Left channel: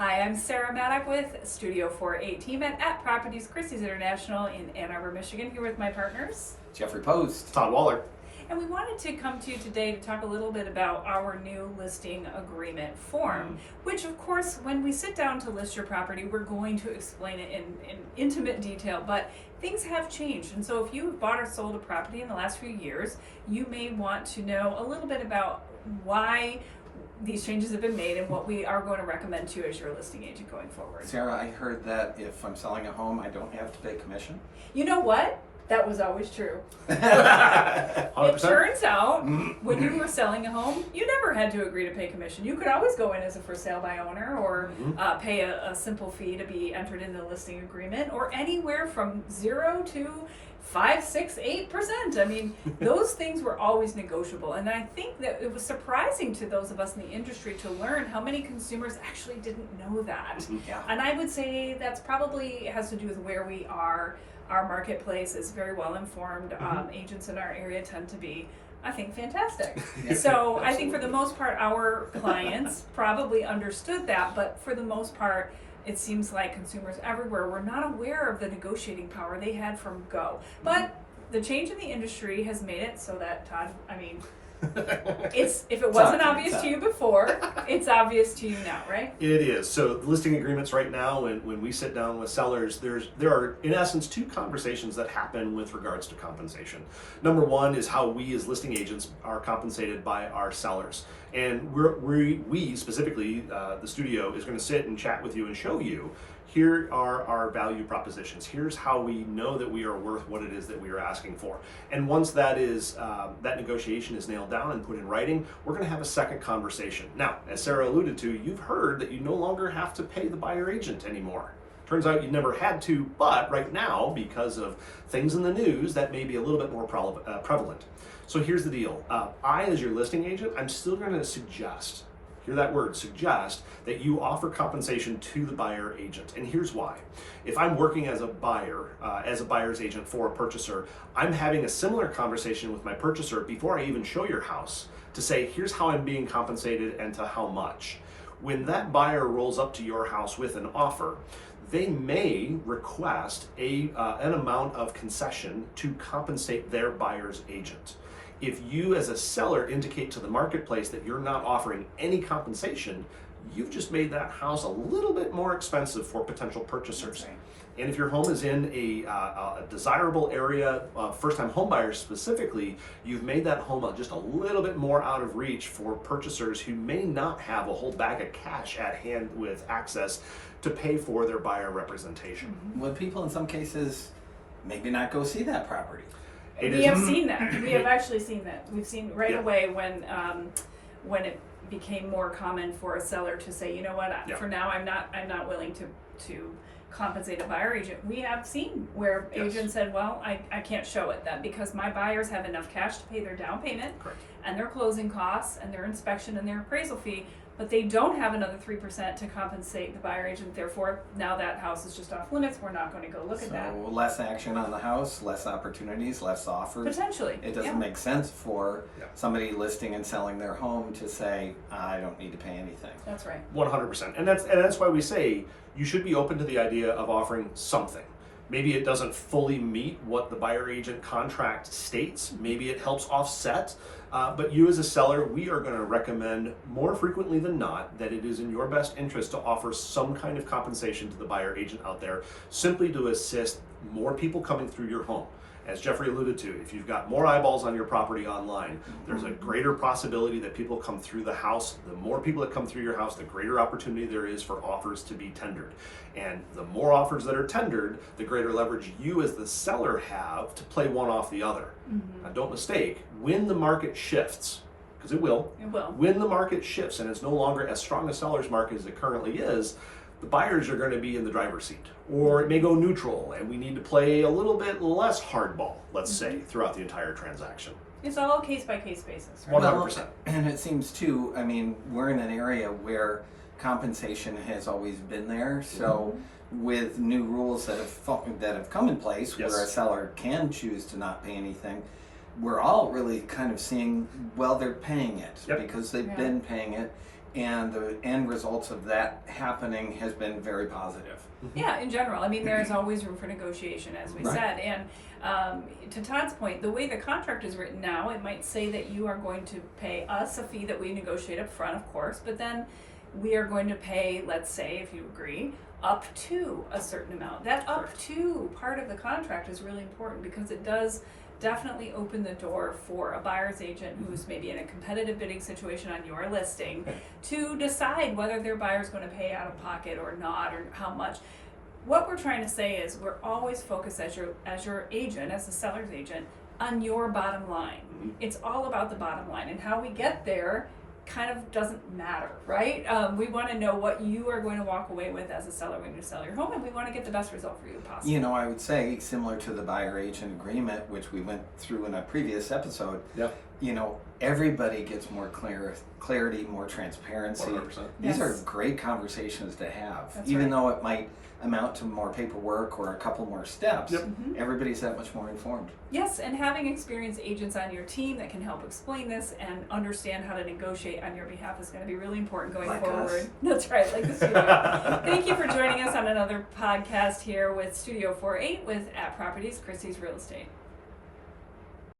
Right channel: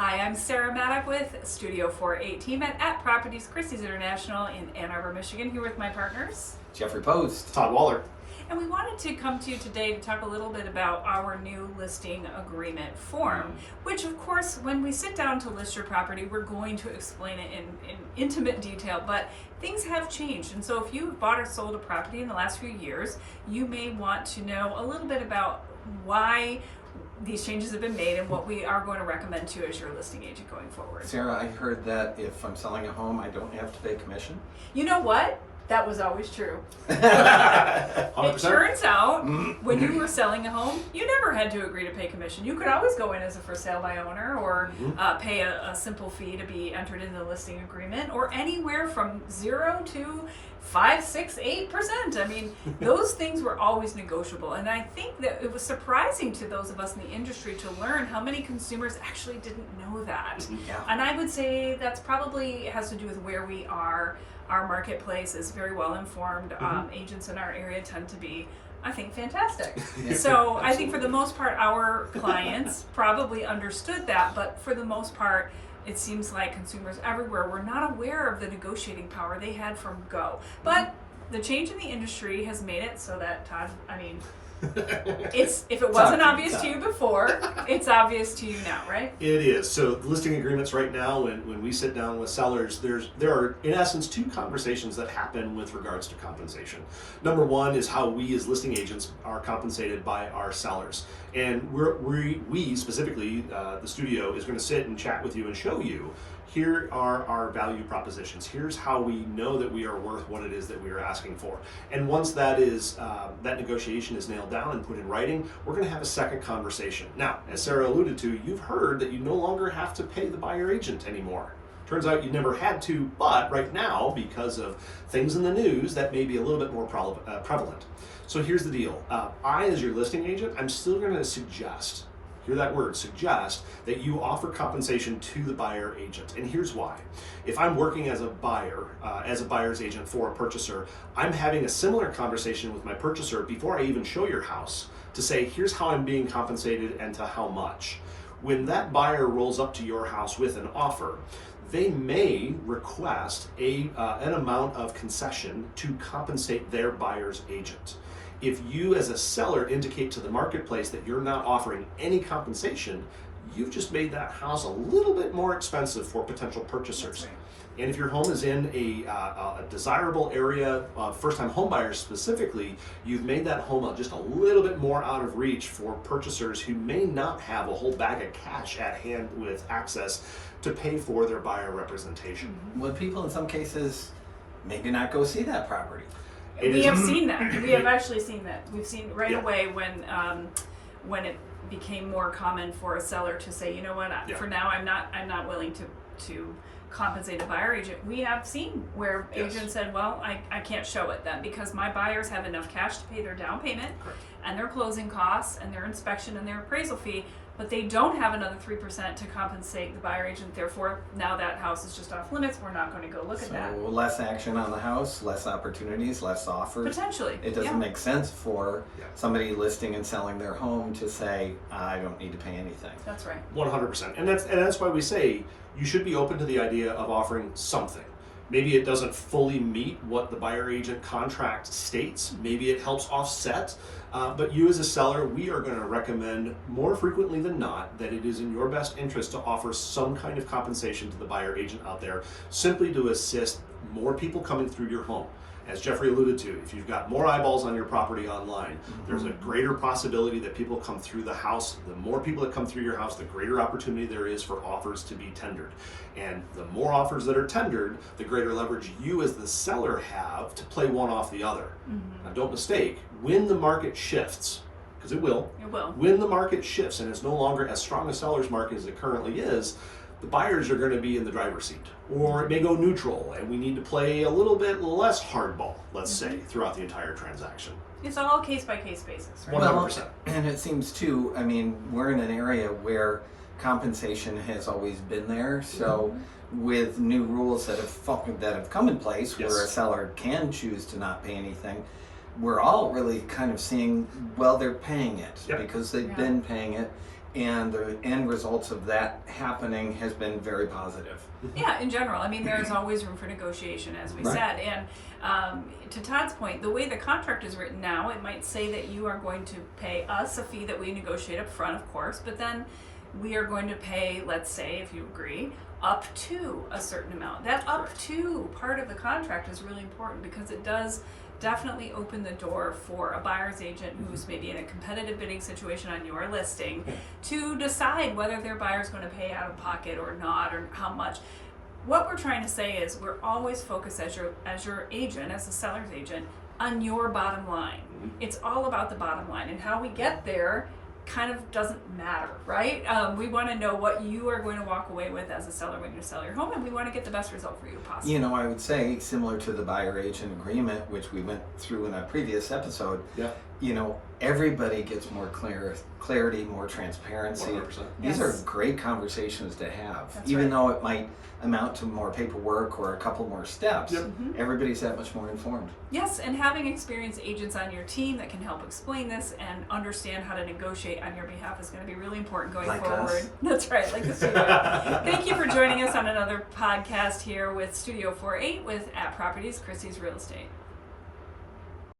Hi, I'm Sarah Maddock with Studio Four8 team at Properties Christie's International in Ann Arbor, Michigan, here with my partners. Jeffrey Post. Todd Waller. And we wanted to come to you today to talk a little bit about our new listing agreement form, which of course, when we sit down to list your property, we're going to explain it in intimate detail, but things have changed. And so if you've bought or sold a property in the last few years, you may want to know a little bit about why these changes have been made and what we are going to recommend to you as your listing agent going forward. Sarah, I heard that if I'm selling a home, I don't have to pay commission. You know what? That was always true. 100%. It turns out when you were selling a home, you never had to agree to pay commission. You could always go in as a for sale by owner or pay a simple fee to be entered in the listing agreement, or anywhere from 0 to 5, 6, 8%. I mean, those things were always negotiable. And I think that it was surprising to those of us in the industry to learn how many consumers actually didn't know that. Yeah. And I would say that's probably has to do with where we are. Our marketplace is very well informed. Agents in our area tend to be, I think, fantastic. Yeah, so I think for the most part, our clients probably understood that, but for the most part, it seems like consumers everywhere were not aware of the negotiating power they had from go. But the change in the industry has made it so that, Todd, I mean, if it wasn't obvious to you before, it's obvious to you now, right? It is. So the listing agreements right now, when we sit down with sellers, there are in essence two conversations that happen with regards to compensation. Number one is how we as listing agents are compensated by our sellers. And we specifically, the studio, is going to sit and chat with you and show you, here are our value propositions. Here's how we know that we are worth what it is that we are asking for. And once that is that negotiation is nailed down and put in writing, we're going to have a second conversation. Now, as Sarah alluded to, you've heard that you no longer have to pay the buyer agent anymore. Turns out you never had to, but right now, because of things in the news, that may be a little bit more prevalent. So here's the deal. I, as your listing agent, I'm still going to suggest, hear that word, suggest, that you offer compensation to the buyer agent. And here's why. If I'm working as a buyer, as a buyer's agent for a purchaser, I'm having a similar conversation with my purchaser before I even show your house to say, here's how I'm being compensated and to how much. When that buyer rolls up to your house with an offer, they may request an amount of concession to compensate their buyer's agent. If you as a seller indicate to the marketplace that you're not offering any compensation, you've just made that house a little bit more expensive for potential purchasers. Right. And if your home is in a desirable area, first-time home buyers specifically, you've made that home just a little bit more out of reach for purchasers who may not have a whole bag of cash at hand with access to pay for their buyer representation. Would people in some cases maybe not go see that property? We have seen that. We have actually seen that. We've seen right Yeah. away when it became more common for a seller to say, you know what, for now I'm not willing to compensate a buyer agent. We have seen where agents said, well, I can't show it then because my buyers have enough cash to pay their down payment and their closing costs and their inspection and their appraisal fee, but they don't have another 3% to compensate the buyer agent. Therefore, now that house is just off limits. We're not going to go look at that. So less action on the house, less opportunities, less offers. Potentially. It doesn't make sense for somebody listing and selling their home to say, I don't need to pay anything. That's right. 100%. And that's why we say you should be open to the idea of offering something. Maybe it doesn't fully meet what the buyer agent contract states. Maybe it helps offset. But you as a seller, we are going to recommend more frequently than not that it is in your best interest to offer some kind of compensation to the buyer agent out there, simply to assist more people coming through your home. As Jeffrey alluded to, if you've got more eyeballs on your property online, there's a greater possibility that people come through the house. The more people that come through your house, the greater opportunity there is for offers to be tendered. And the more offers that are tendered, the greater leverage you as the seller have to play one off the other. Now don't mistake, when the market shifts, because it will, when the market shifts and it's no longer as strong a seller's market as it currently is, the buyers are going to be in the driver's seat, or it may go neutral and we need to play a little bit less hardball, let's say, throughout the entire transaction. It's all case by case basis, right? 100%. And it seems too, I mean, we're in an area where compensation has always been there. So with new rules that have come in place where a seller can choose to not pay anything, we're all really kind of seeing, well, they're paying it because they've been paying it, and the end results of that happening has been very positive. Yeah, in general. I mean, there's always room for negotiation, as we said. And to Todd's point, the way the contract is written now, it might say that you are going to pay us a fee that we negotiate up front, of course, but then we are going to pay, let's say, if you agree, up to a certain amount. That up to part of the contract is really important because it does definitely open the door for a buyer's agent who's maybe in a competitive bidding situation on your listing to decide whether their buyer's going to pay out of pocket or not, or how much. What we're trying to say is we're always focused as your agent, as the seller's agent, on your bottom line. It's all about the bottom line, and how we get there kind of doesn't matter, right? We want to know what you are going to walk away with as a seller when you sell your home, and we want to get the best result for you possible. You know, I would say similar to the buyer agent agreement, which we went through in a previous episode. You know, everybody gets more clarity, more transparency. 100%. These are great conversations to have, That's even right. though it might amount to more paperwork or a couple more steps. Everybody's that much more informed. Yes, and having experienced agents on your team that can help explain this and understand how to negotiate on your behalf is going to be really important going forward. Us. That's right, like the studio. Thank you for joining us on another podcast here with Studio 4/8 with At Properties, Christie's Real Estate.